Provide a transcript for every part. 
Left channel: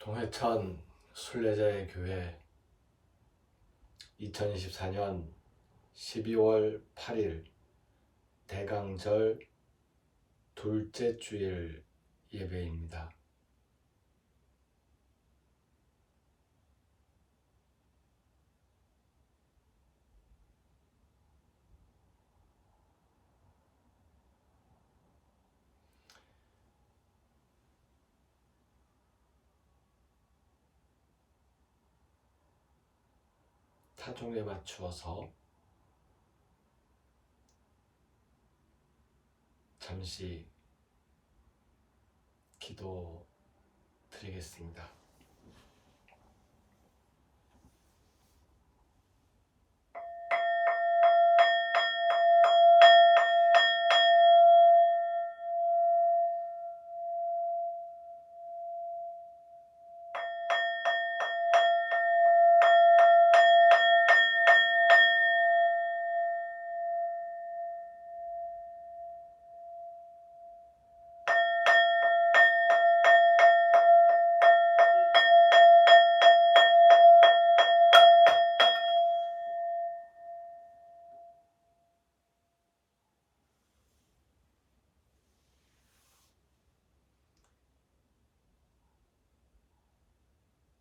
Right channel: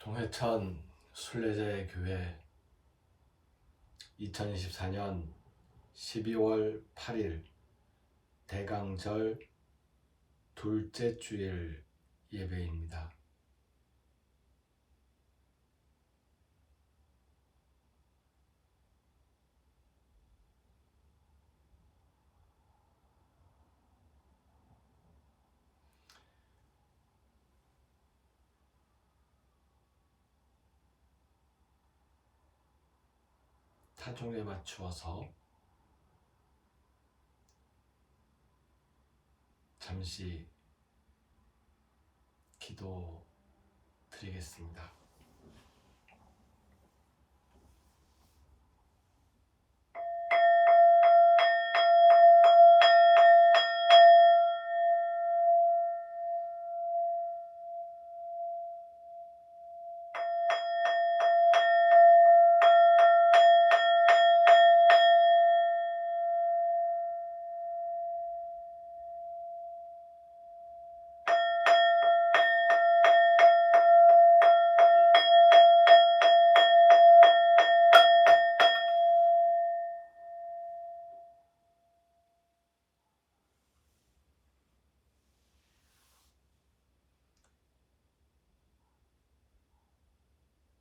동해천 순례자의 교회 2024년 12월 8일 대강절 둘째 주일 예배입니다. 타종에 맞추어서 잠시 기도 드리겠습니다.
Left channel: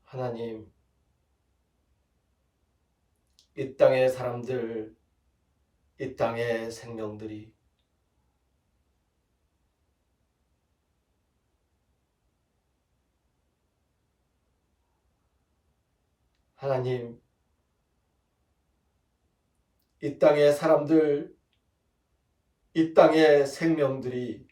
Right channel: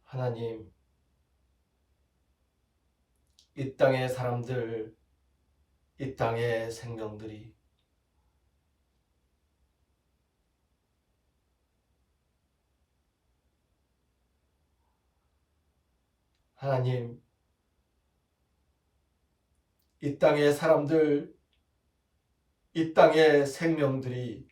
하나님, 이 땅의 사람들, 이 땅의 생명들이 하나님, 이 땅의 사람들, 이 땅의 생명들이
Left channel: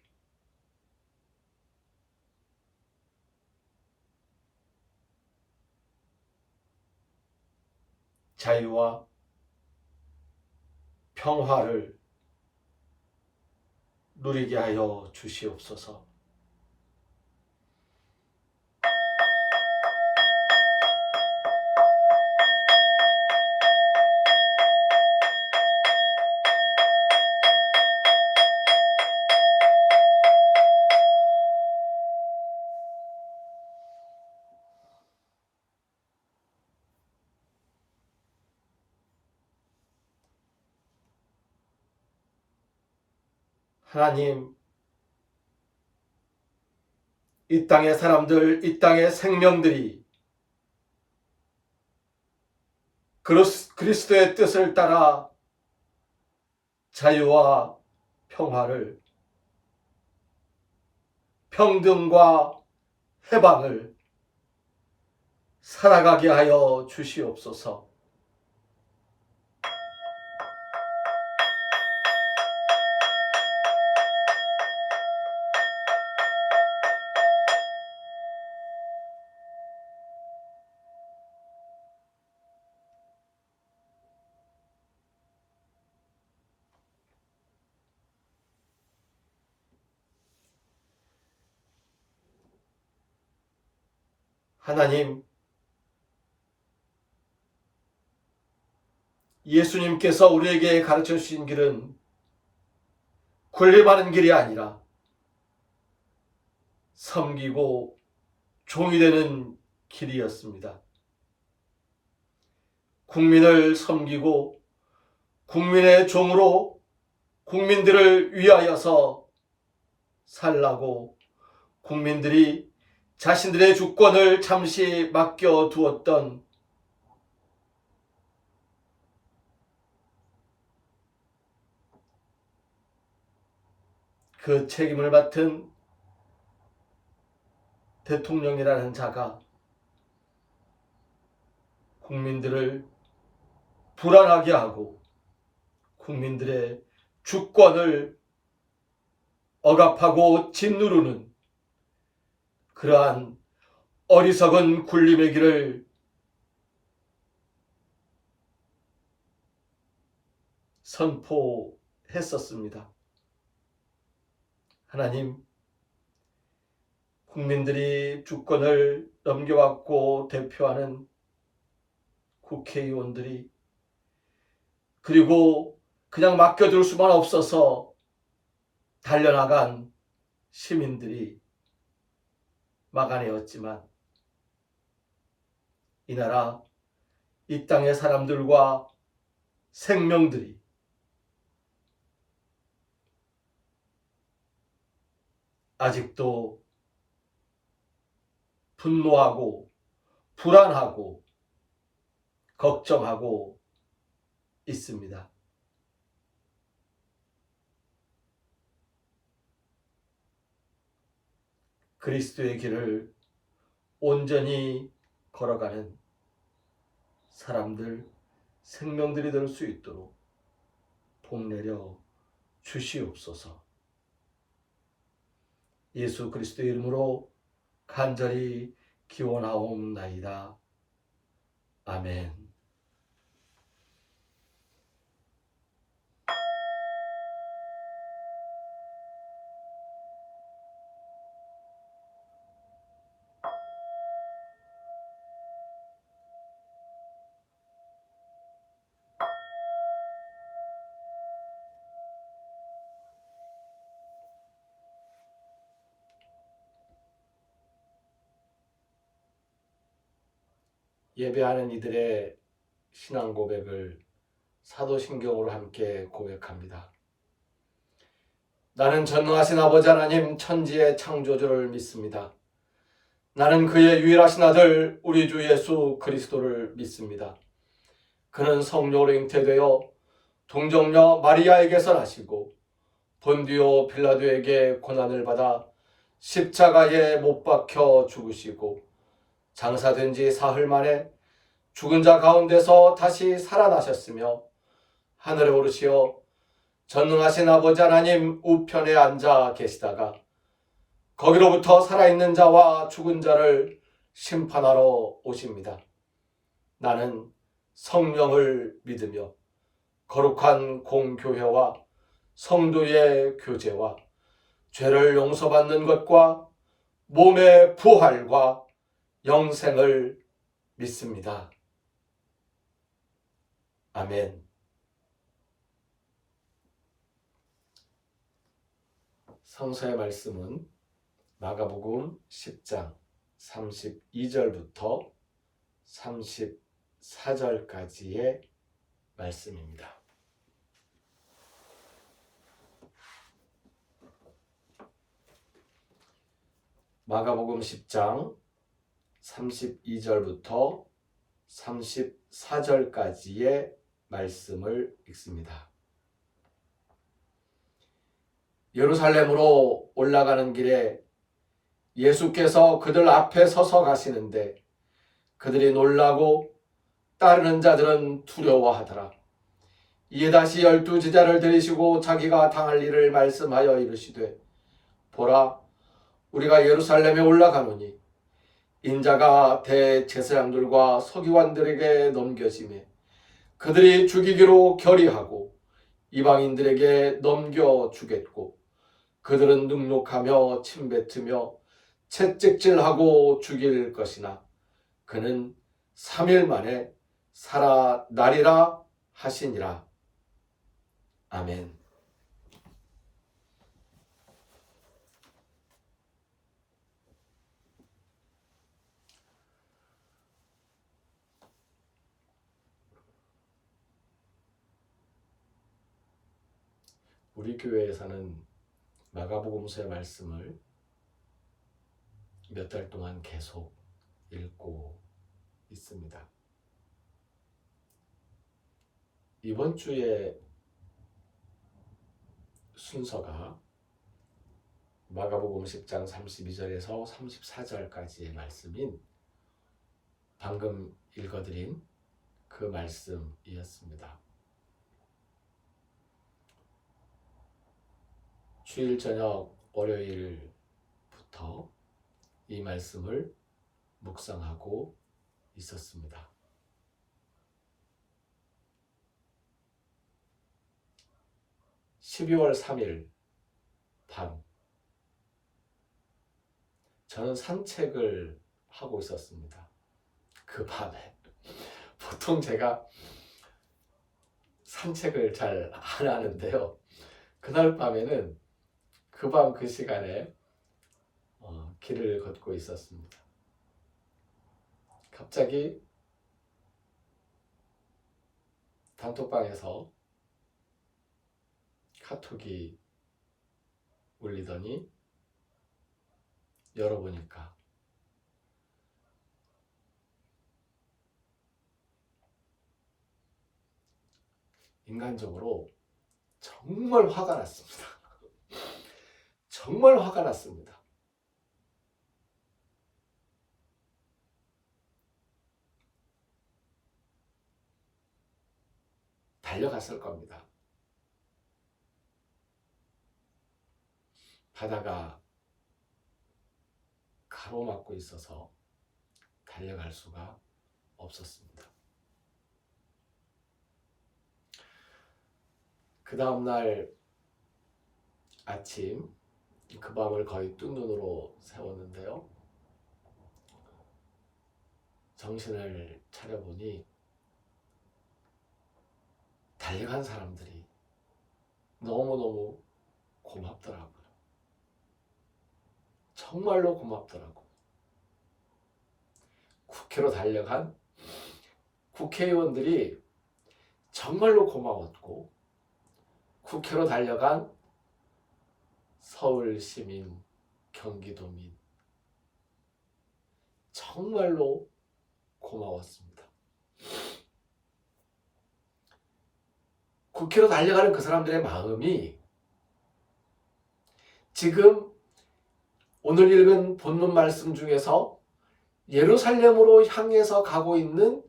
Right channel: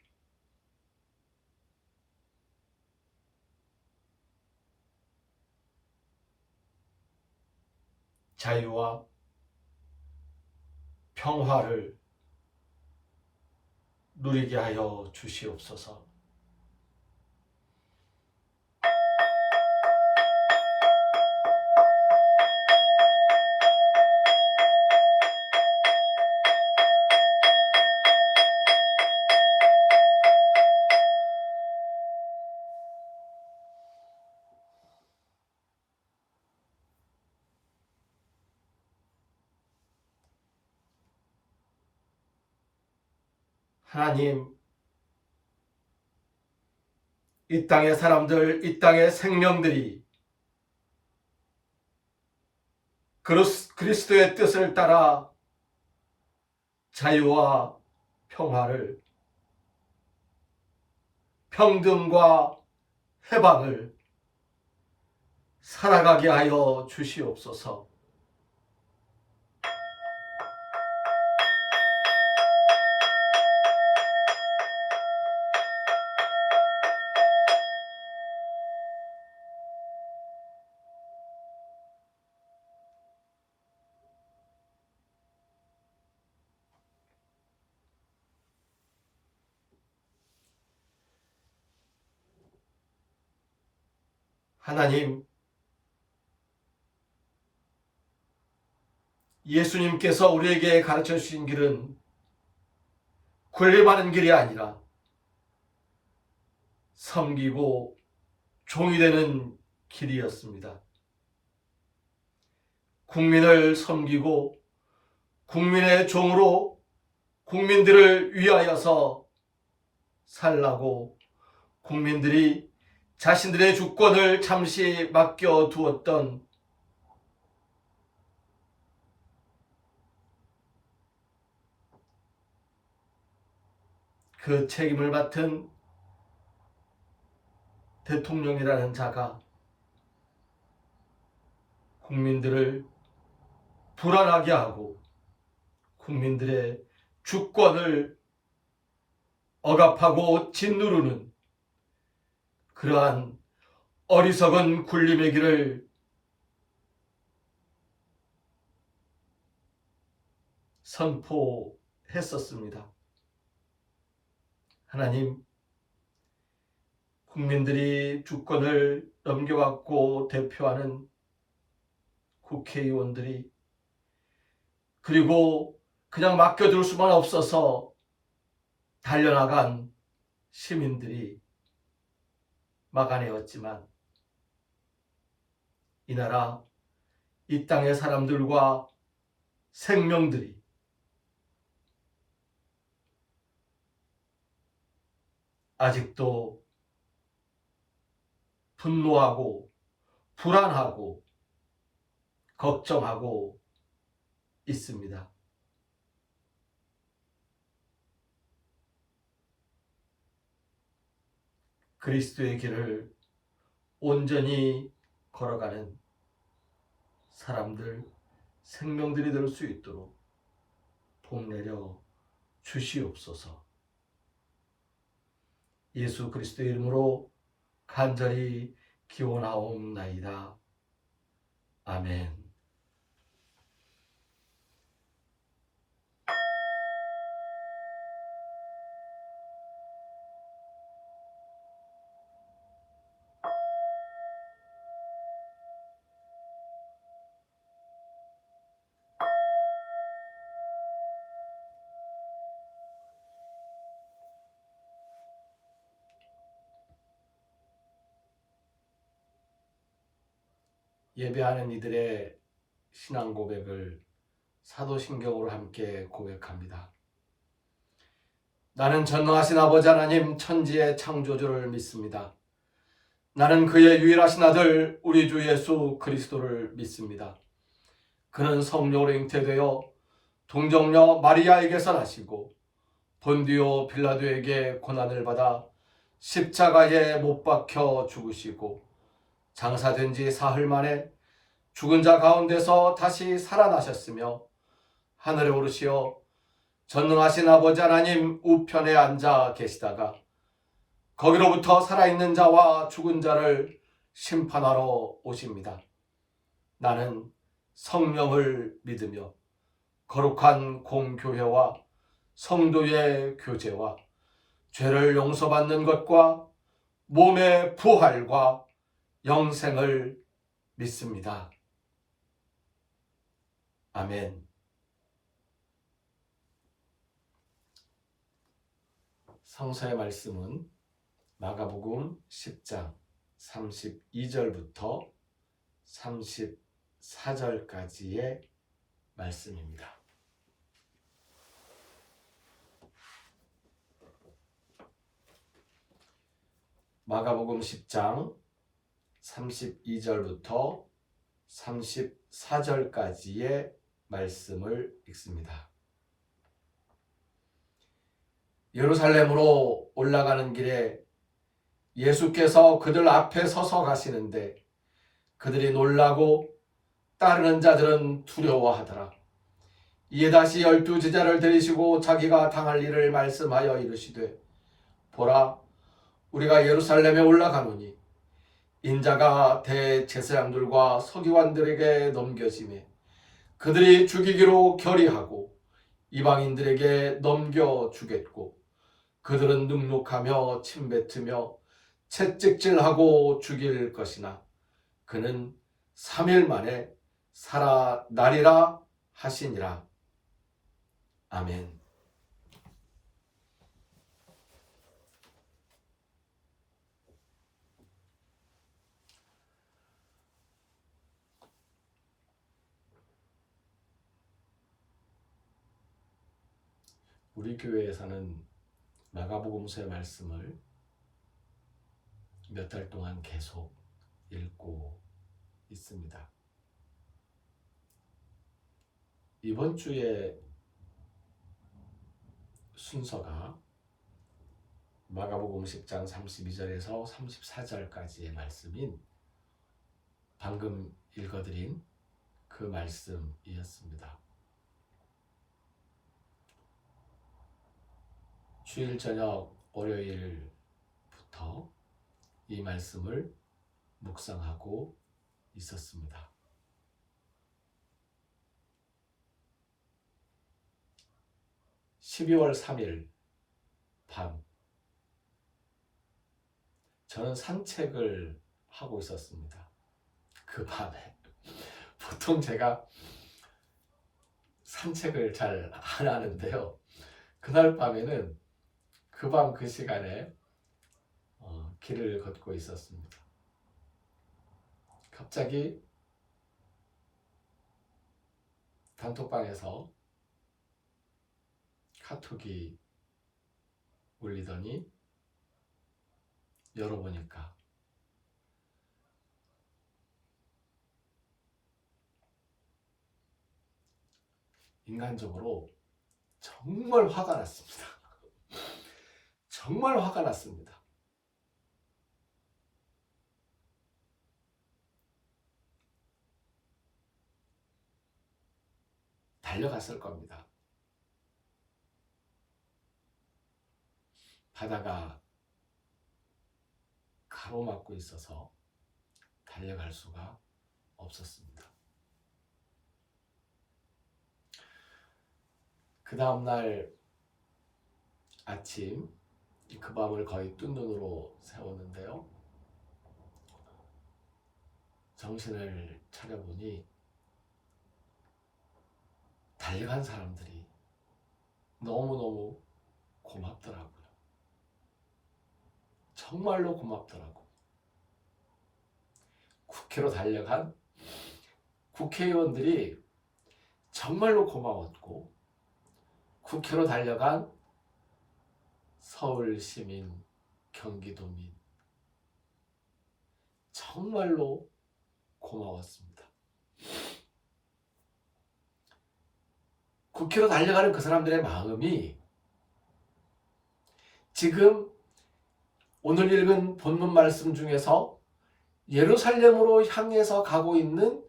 자유와 평화를 누리게 하여 주시옵소서. 하나님, 이 땅의 사람들, 이 땅의 생명들이 그리스도의 뜻을 따라 자유와 평화를, 평등과 해방을 살아가게 하여 주시옵소서. 하나님, 예수님께서 우리에게 가르쳐 주신 길은 군림하는 길이 아니라 섬기고 종이 되는 길이었습니다. 국민을 섬기고 국민의 종으로 국민들을 위하여서 살라고 국민들이 자신들의 주권을 잠시 맡겨두었던 그 책임을 맡은 대통령이라는 자가 국민들을 불안하게 하고 국민들의 주권을 억압하고 짓누르는 그러한 어리석은 군림의 길을 선포했었습니다. 하나님, 국민들이 주권을 넘겨받고 대표하는 국회의원들이 그리고 그냥 맡겨둘 수만 없어서 달려나간 시민들이 막아내었지만 이 나라, 이 땅의 사람들과 생명들이 아직도 분노하고 불안하고 걱정하고 있습니다. 그리스도의 길을 온전히 걸어가는 사람들, 생명들이 될 수 있도록 복 내려 주시옵소서. 예수 그리스도의 이름으로 간절히 기원하옵나이다. 아멘. 예배하는 이들의 신앙 고백을 사도신경으로 함께 고백합니다. 나는 전능하신 아버지 하나님 천지의 창조주를 믿습니다. 나는 그의 유일하신 아들 우리 주 예수 그리스도를 믿습니다. 그는 성령으로 잉태되어 동정녀 마리아에게서 나시고 본디오 빌라도에게 고난을 받아 십자가에 못 박혀 죽으시고 장사된 지 사흘 만에 죽은 자 가운데서 다시 살아나셨으며 하늘에 오르시어 전능하신 아버지 하나님 우편에 앉아 계시다가 거기로부터 살아있는 자와 죽은 자를 심판하러 오십니다. 나는 성령을 믿으며 거룩한 공교회와 성도의 교제와 죄를 용서받는 것과 몸의 부활과 영생을 믿습니다. 아멘. 성서의 말씀은 마가복음 10장 32절부터 34절까지의 말씀입니다. 마가복음 10장 32절부터 34절까지의 말씀을 읽습니다. 예루살렘으로 올라가는 길에 예수께서 그들 앞에 서서 가시는데 그들이 놀라고 따르는 자들은 두려워하더라. 이에 다시 12 제자를 데리시고 자기가 당할 일을 말씀하여 이르시되 보라, 우리가 예루살렘에 올라가노니 인자가 대제사장들과 서기관들에게 넘겨지매 그들이 죽이기로 결의하고 이방인들에게 넘겨주겠고 그들은 능욕하며 침뱉으며 채찍질하고 죽일 것이나 그는 3일 만에 살아나리라 하시니라. 아멘. 우리 교회에서는 마가복음서의 말씀을 몇 달 동안 계속 읽고 있습니다. 이번 주에 순서가 마가복음 10장 32절에서 34절까지의 말씀인 방금 읽어드린 그 말씀이었습니다. 주일 저녁 월요일부터 이 말씀을 묵상하고 있었습니다. (12월 3일) 밤 저는 산책을 하고 있었습니다. 그 밤에 보통 제가 산책을 잘 안 하는데요. 그날 밤에는 그 밤 그 시간에 길을 걷고 있었습니다. 갑자기 단톡방에서 카톡이 울리더니 열어보니까 인간적으로 정말 화가 났습니다. 정말 화가 났습니다. 달려갔을 겁니다. 바다가 가로막고 있어서 달려갈 수가 없었습니다. 그 다음날 아침 그 밤을 거의 뜬 눈으로 세웠는데요. 정신을 차려보니 달려간 사람들이 너무너무 고맙더라고요. 정말로 고맙더라고요. 국회로 달려간 국회의원들이 정말로 고마웠고, 국회로 달려간 서울 시민, 경기도민 정말로 고마웠습니다. 국회로 달려가는 그 사람들의 마음이 지금 오늘 읽은 본문 말씀 중에서 예루살렘으로 향해서 가고 있는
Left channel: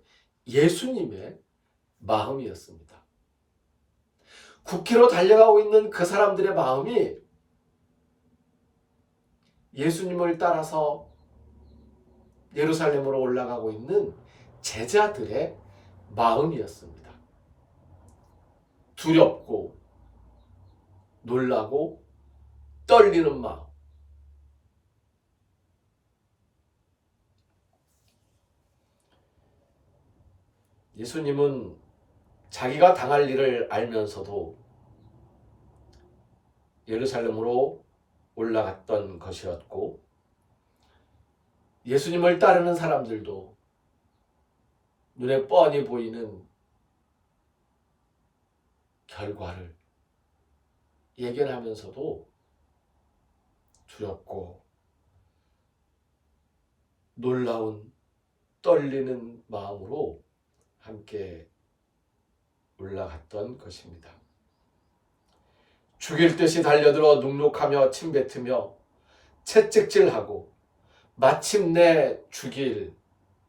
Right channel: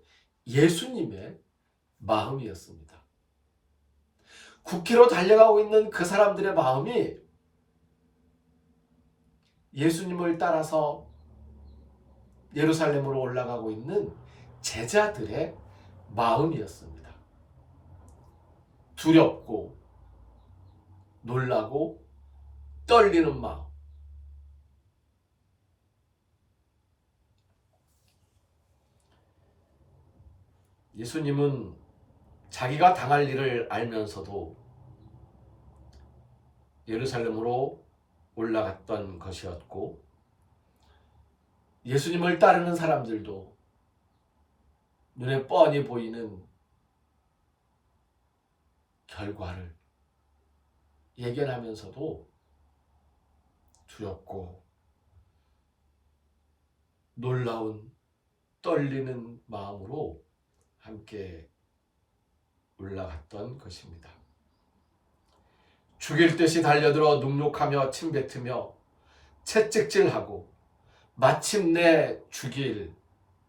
예수님의 마음이었습니다. 국회로 달려가고 있는 그 사람들의 마음이 예수님을 따라서 예루살렘으로 올라가고 있는 제자들의 마음이었습니다. 두렵고 놀라고 떨리는 마음. 예수님은 자기가 당할 일을 알면서도 예루살렘으로 올라갔던 것이었고, 예수님을 따르는 사람들도 눈에 뻔히 보이는 결과를 예견하면서도 두렵고 놀라운 떨리는 마음으로 함께 올라갔던 것입니다. 죽일 듯이 달려들어 눅눅하며 침뱉으며 채찍질하고 마침내 죽일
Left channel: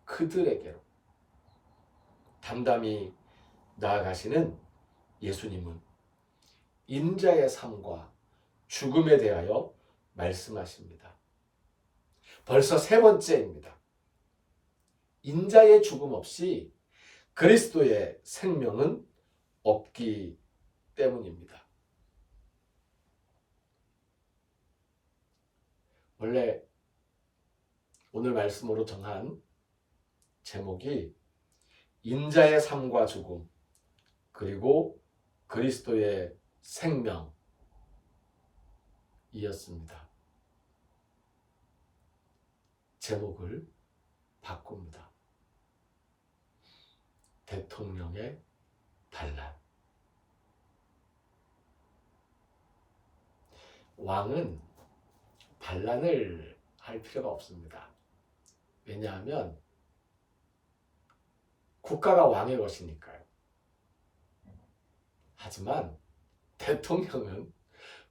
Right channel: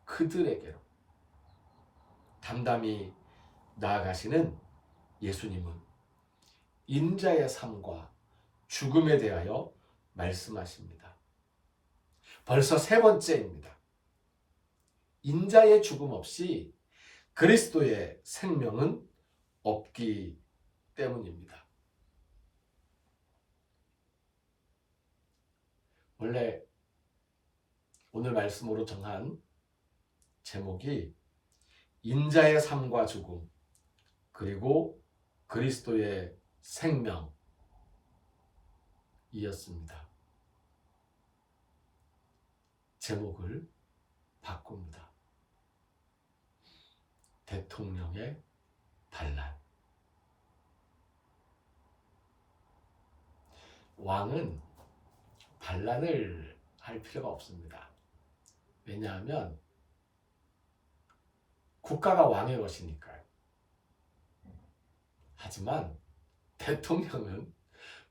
그들에게로 담담히 나아가시는 예수님은 인자의 삶과 죽음에 대하여 말씀하십니다. 벌써 세 번째입니다. 인자의 죽음 없이 그리스도의 생명은 없기 때문입니다. 원래 오늘 말씀으로 정한 제목이 인자의 삶과 죽음, 그리고 그리스도의 생명이었습니다. 제목을 바꿉니다. 대통령의 반란. 왕은 반란을 할 필요가 없습니다. 왜냐하면 국가가 왕의 것이니까요. 하지만 대통령은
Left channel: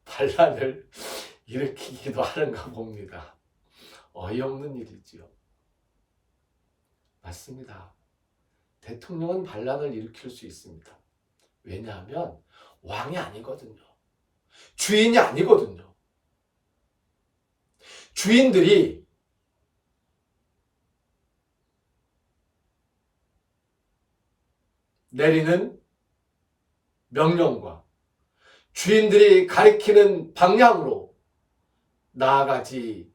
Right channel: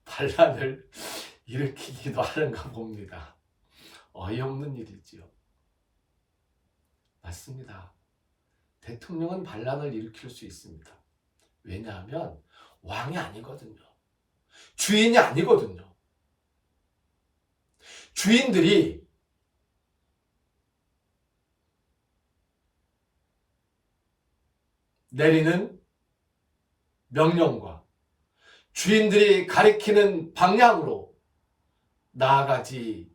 반란을 일으키기도 하는가 봅니다. 어이없는 일이지요. 맞습니다. 대통령은 반란을 일으킬 수 있습니다. 왜냐하면 왕이 아니거든요. 주인이 아니거든요. 주인들이 내리는 명령과 주인들이 가리키는 방향으로 나아가지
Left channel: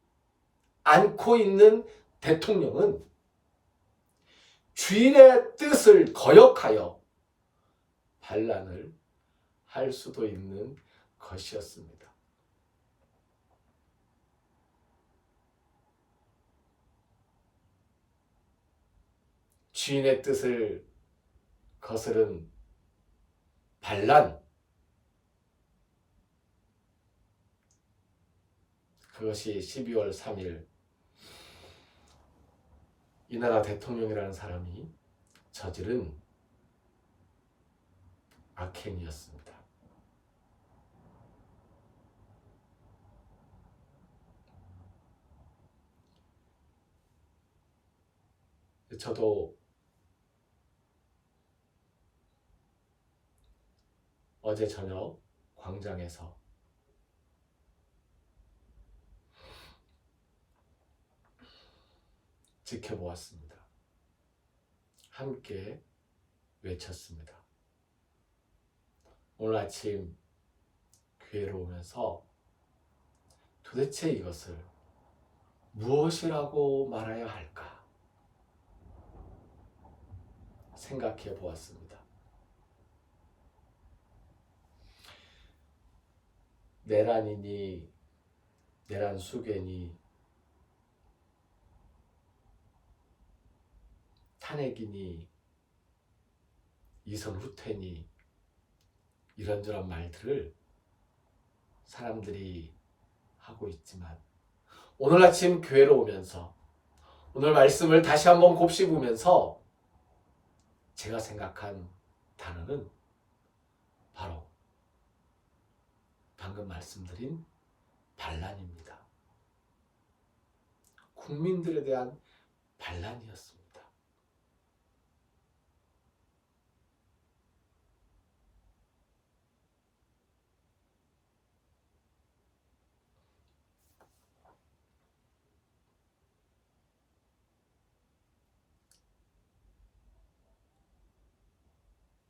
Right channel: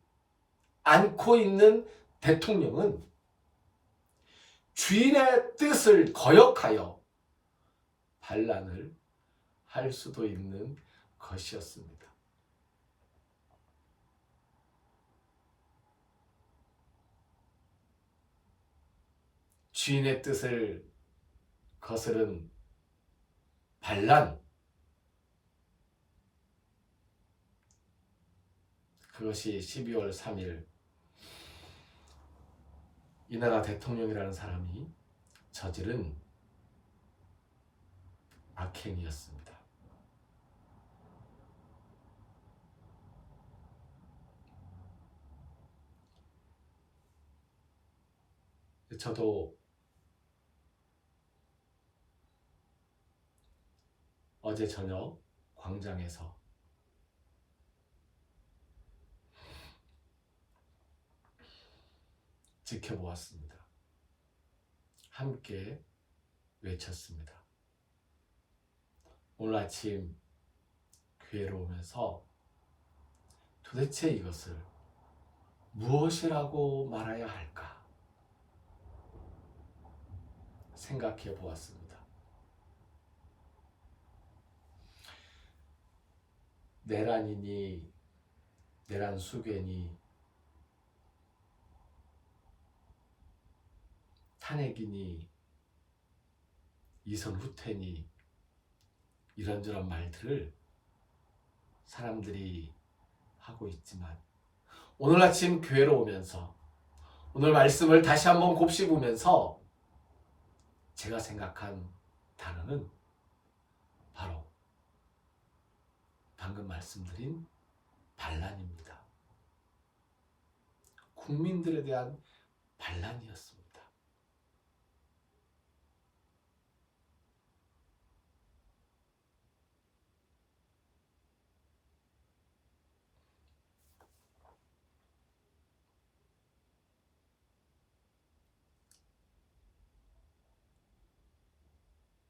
않고 있는 대통령은 주인의 뜻을 거역하여 반란을 할 수도 있는 것이었습니다. 주인의 뜻을 거스른 반란, 그것이 12월 3일 이 나라 대통령이라는 사람이 저지른 악행이었습니다. 저도 어제 저녁 광장에서 지켜보았습니다. 함께 외쳤습니다. 오늘 아침 교회로 오면서 도대체 이것을 무엇이라고 말해야 할까 생각해 보았습니다. 내란이니 내란 수괴니 탄핵이니 이선 후퇴니 이런저런 말들을 사람들이 하고 있지만 오늘 아침 교회로 오면서 오늘 말씀을 다시 한번 곱씹으면서 제가 생각한 단어는 바로 방금 말씀드린 반란입니다. 국민들에 대한 반란이었습니다.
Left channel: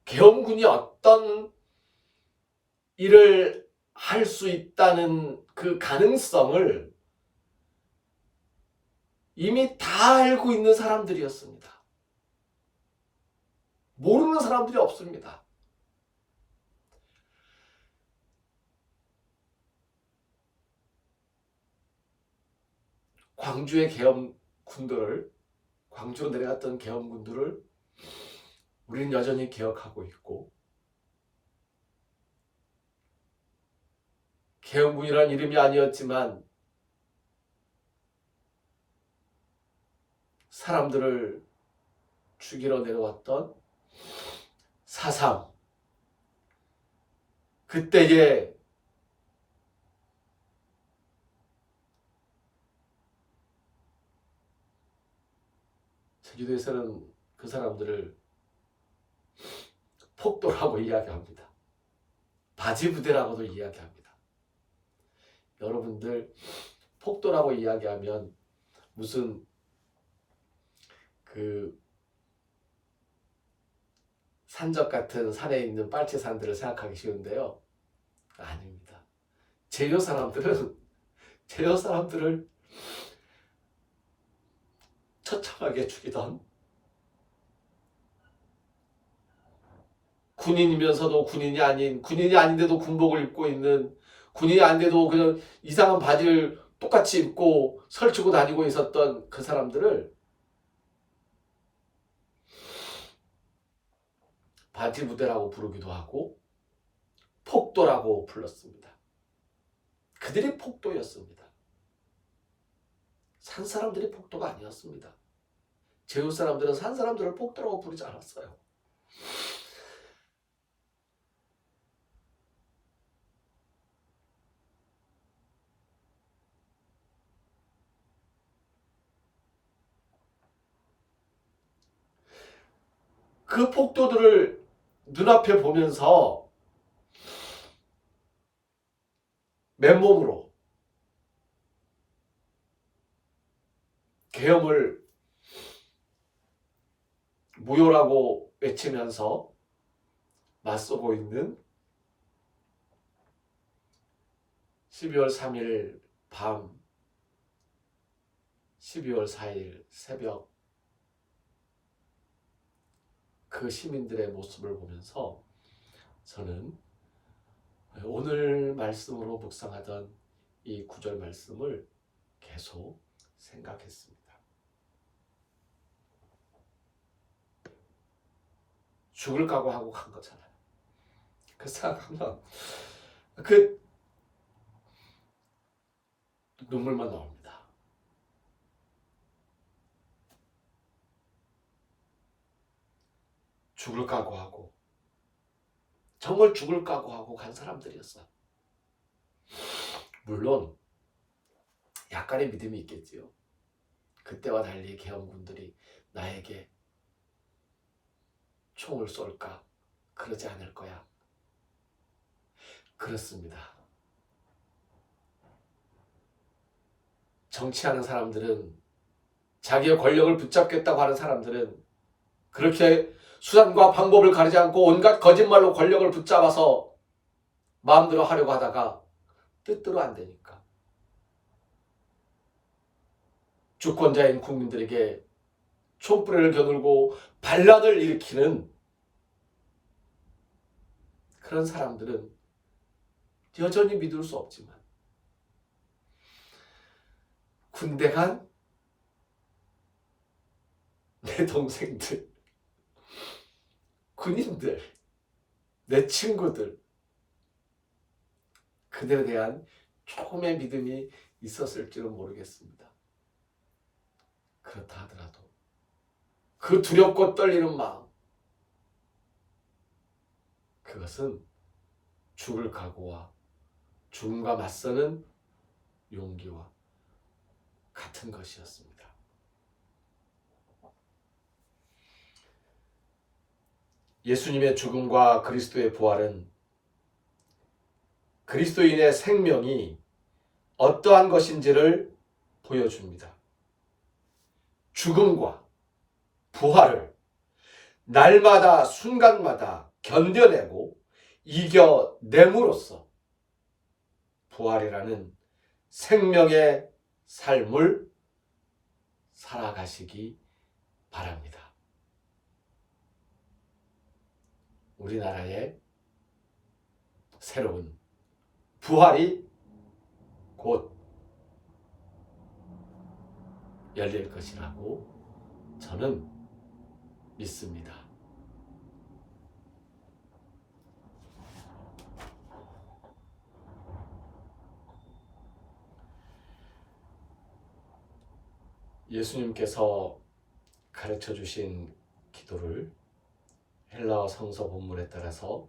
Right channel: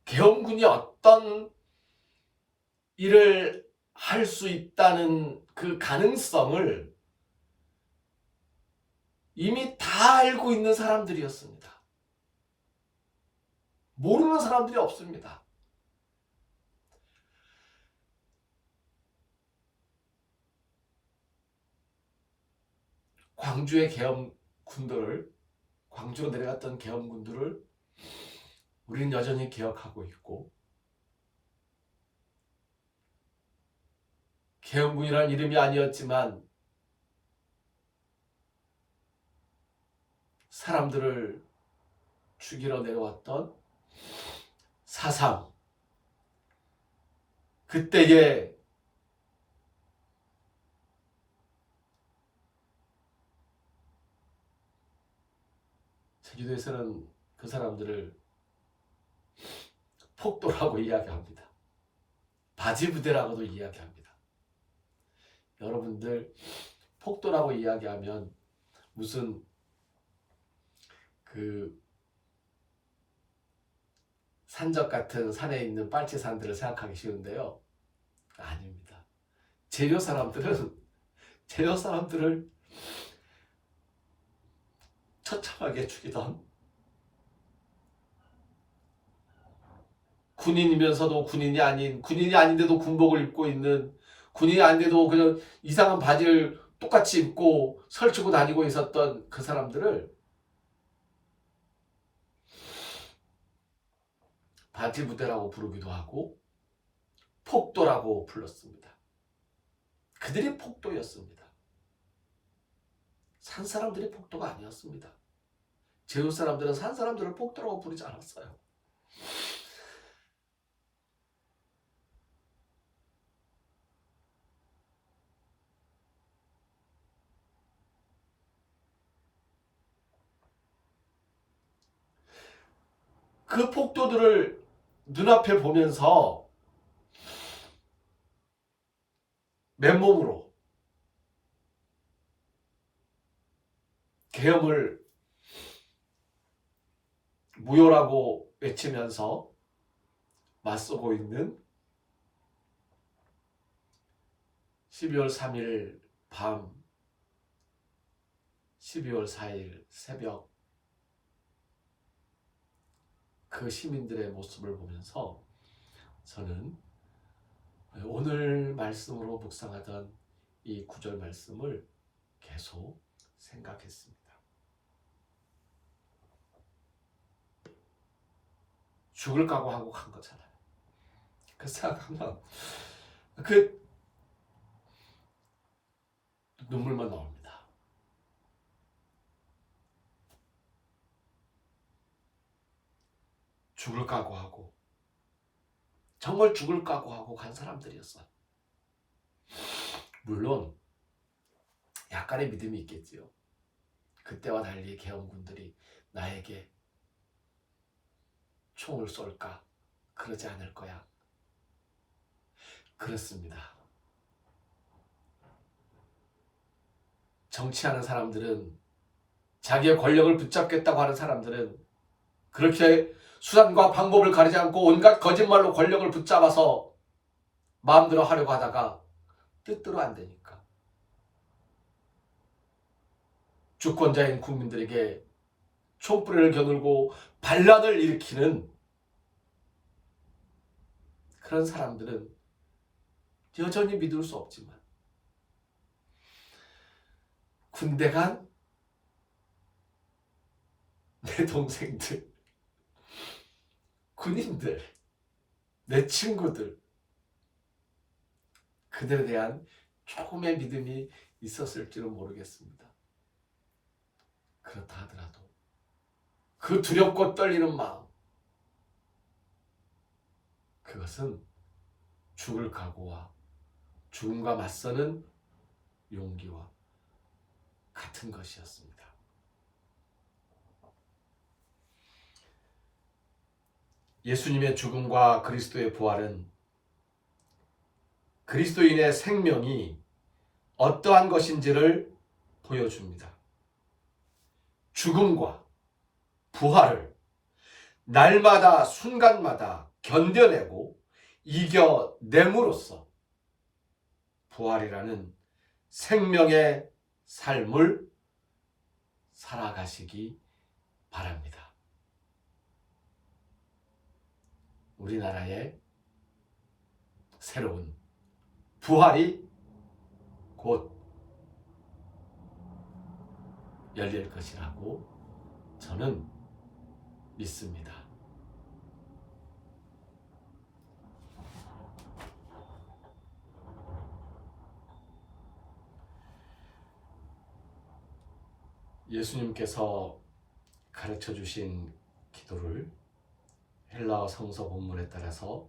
계엄군이 어떤 일을 할 수 있다는 그 가능성을 이미 다 알고 있는 사람들이었습니다. 모르는 사람들이 없습니다. 광주의 계엄군들을, 광주로 내려갔던 계엄군들을 우리는 여전히 기억하고 있고, 계엄군이란 이름이 아니었지만 사람들을 죽이러 내려왔던 4.3, 그때의 제주도에서는 그 사람들을 폭도라고 이야기합니다. 바지부대라고도 이야기합니다. 여러분들 폭도라고 이야기하면 무슨 그 산적 같은 산에 있는 빨치산들을 생각하기 쉬운데요. 아닙니다. 제주 사람들을 처참하게 죽이던, 군인이면서도 군인이 아닌, 군인이 아닌데도 군복을 입고 있는, 군인이 아닌데도 그냥 이상한 바지를 똑같이 입고 설치고 다니고 있었던 그 사람들을 바지부대라고 부르기도 하고 폭도라고 불렀습니다. 그들이 폭도였습니다. 산 사람들이 폭도가 아니었습니다. 제주 사람들은 산 사람들을 폭도라고 부르지 않았어요. 그 폭도들을 눈앞에 보면서 맨몸으로 계엄을 무효라고 외치면서 맞서고 있는 12월 3일 밤, 12월 4일 새벽 그 시민들의 모습을 보면서 저는 오늘 말씀으로 묵상하던 이 구절 말씀을 계속 생각했습니다. 죽을 각오하고 간 거잖아요. 그 생각하면 그 눈물만 나옵니다. 죽을 각오하고 정말 죽을 각오하고 간 사람들이었어요. 물론 약간의 믿음이 있겠지요. 그때와 달리 계엄군들이 나에게 총을 쏠까? 그러지 않을 거야. 그렇습니다. 정치하는 사람들은, 자기의 권력을 붙잡겠다고 하는 사람들은 그렇게 수단과 방법을 가리지 않고 온갖 거짓말로 권력을 붙잡아서 마음대로 하려고 하다가 뜻대로 안 되니까 주권자인 국민들에게 촛불을 겨누고 반란을 일으키는 그런 사람들은 여전히 믿을 수 없지만, 군대 간 내 동생들, 군인들, 내 친구들, 그들에 대한 조금의 믿음이 있었을지는 모르겠습니다. 그렇다 하더라도 그 두렵고 떨리는 마음, 그것은 죽을 각오와 죽음과 맞서는 용기와 같은 것이었습니다. 예수님의 죽음과 그리스도의 부활은 그리스도인의 생명이 어떠한 것인지를 보여줍니다. 죽음과 부활을 날마다 순간마다 견뎌내고 이겨냄으로써 부활이라는 생명의 삶을 살아가시기 바랍니다. 우리나라의 새로운 부활이 곧 열릴 것이라고 저는 믿습니다. 예수님께서 가르쳐 주신 기도를 헬라어 성서 본문에 따라서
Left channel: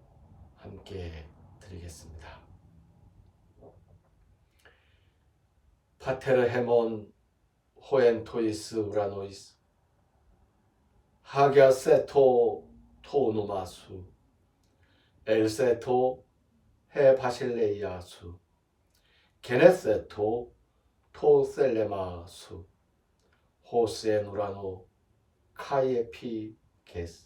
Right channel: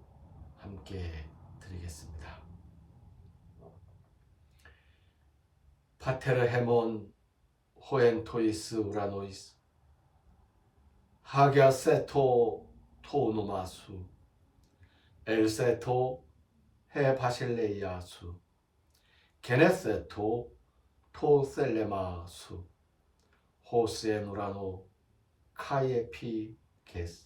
함께 드리겠습니다. 파테르 헤몬 호엔 토이스 우라노이스 하갸세토 토노마수 엘세토 헤 바실레이아수 게네세토 토셀레마수 호스엔 우라노 카예피 게스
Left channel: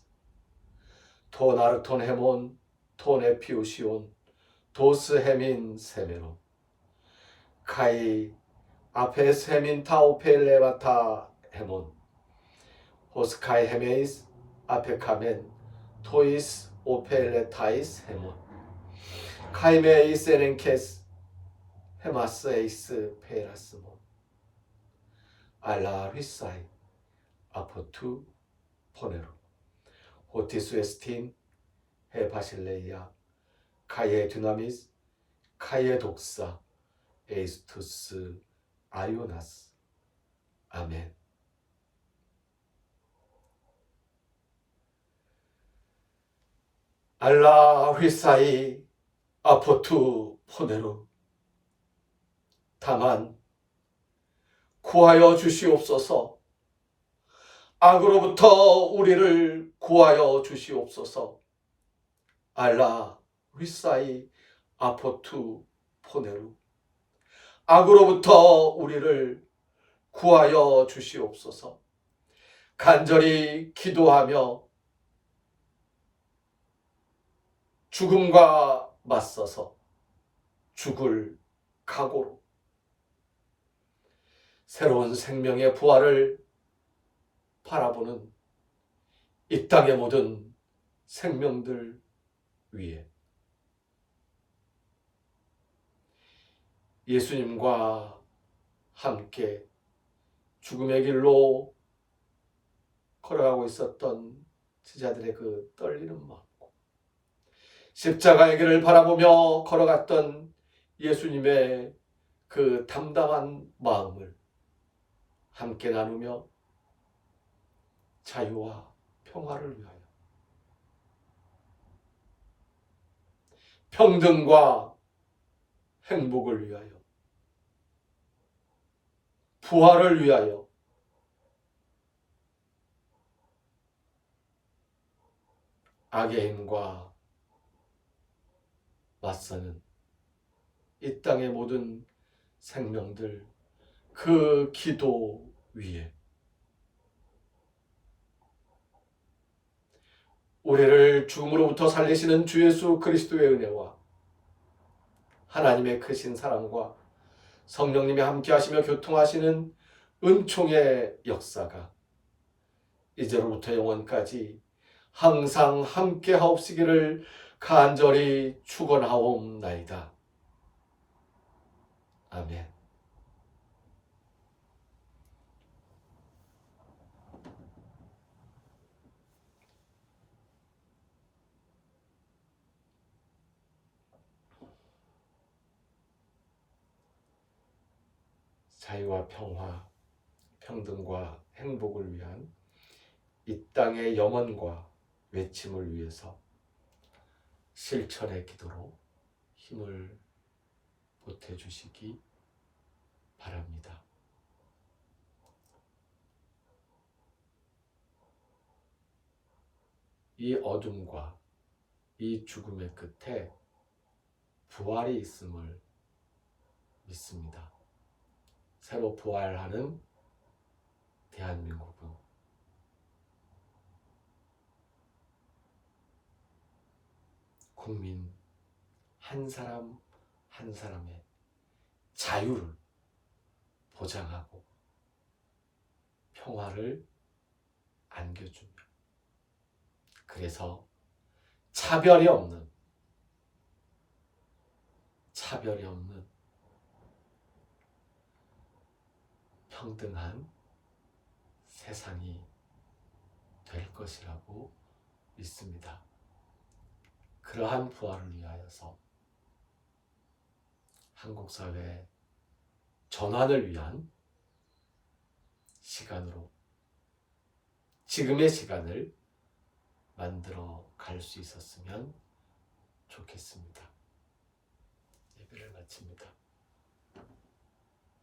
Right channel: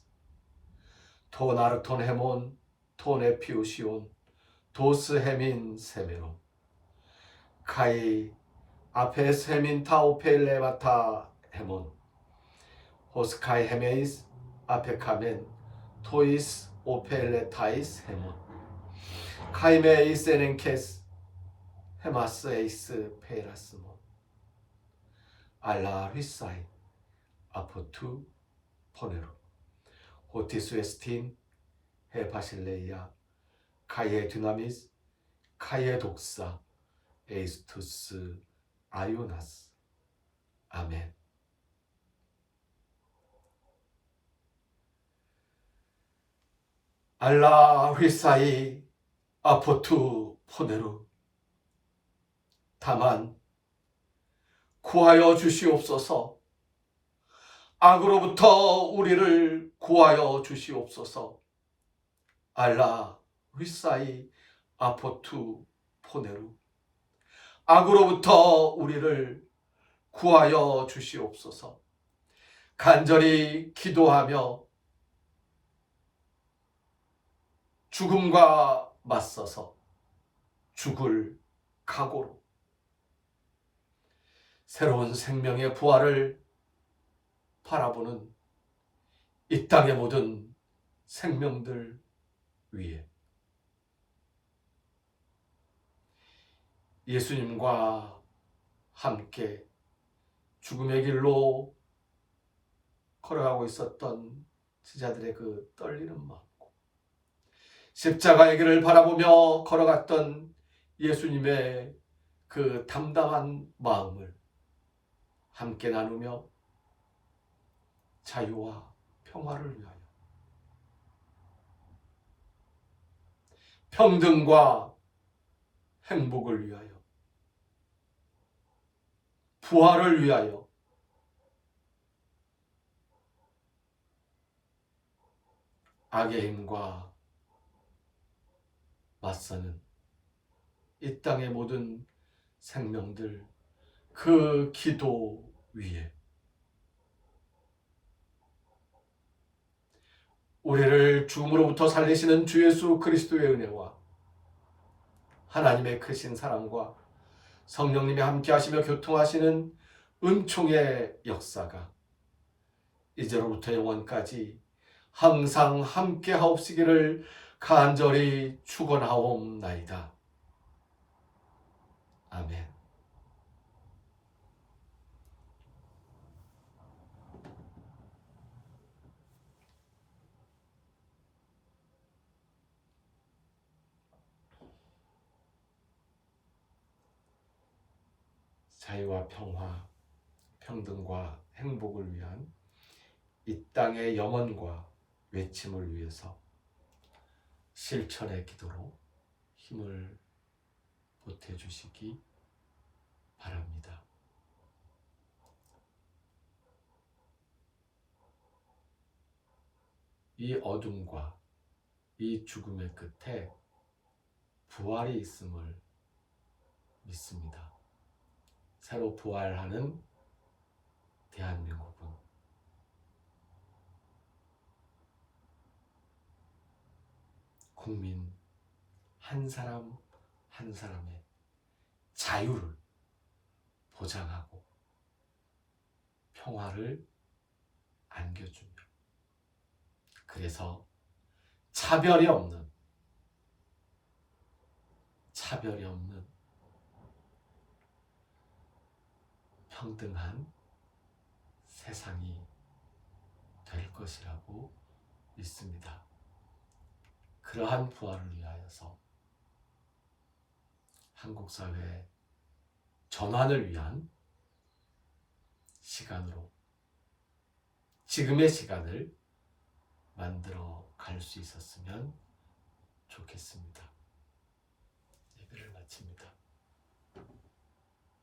토나르톤 헤몬 토네피우시온 도스 헤민 세메로 카이 아페스 헤민 타오펠레바타 헤몬 호스카이 헤메이스 아페카멘 토이스 오펠레타이스 헤몬 카이메이스 에렌케스 헤마스 에이스 페라스몬 알라 휘사이 아포투 포네로 호티스 에스틴 헤바실레이아 카예 듀나미스 카예 독사 에이스투스 아요나스 아멘. 알라 휘사이 아포투 포네로 다만 구하여 주시옵소서. 악으로부터 우리를 구하여 주시옵소서. 알라 휘사이 아포투 포네루 악으로부터 우리를 구하여 주시옵소서. 간절히 기도하며 죽음과 맞서서 죽을 각오로 새로운 생명의 부활을 바라보는 이 땅의 모든 생명들 위에 예수님과 함께 죽음의 길로 걸어가고 있었던 제자들의 그 떨리는 마음과 십자가의 길을 바라보며 걸어갔던 예수님의 그 담담한 마음을 함께 나누며 자유와 평화를 위하여, 평등과 행복을 위하여, 부활을 위하여 악의 힘과 맞서는 이 땅의 모든 생명들, 그 기도 위에 우리를 죽음으로부터 살리시는 주 예수 그리스도의 은혜와 하나님의 크신 사랑과 성령님이 함께 하시며 교통하시는 은총의 역사가 이제로부터 영원까지 항상 함께 하옵시기를 간절히 축원하옵나이다. 아멘. 자유와 평화, 평등과 행복을 위한 이 땅의 영혼과 외침을 위해서 실천의 기도로 힘을 보태주시기 바랍니다. 이 어둠과 이 죽음의 끝에 부활이 있음을 믿습니다. 새로 부활하는 대한민국은 국민 한 사람 한 사람의 자유를 보장하고 평화를 안겨주며, 그래서 차별이 없는 평등한 세상이 될 것이라고 믿습니다. 그러한 부활을 위하여서 한국 사회 전환을 위한 시간으로 지금의 시간을 만들어 갈 수 있었으면 좋겠습니다. 예배를 마칩니다.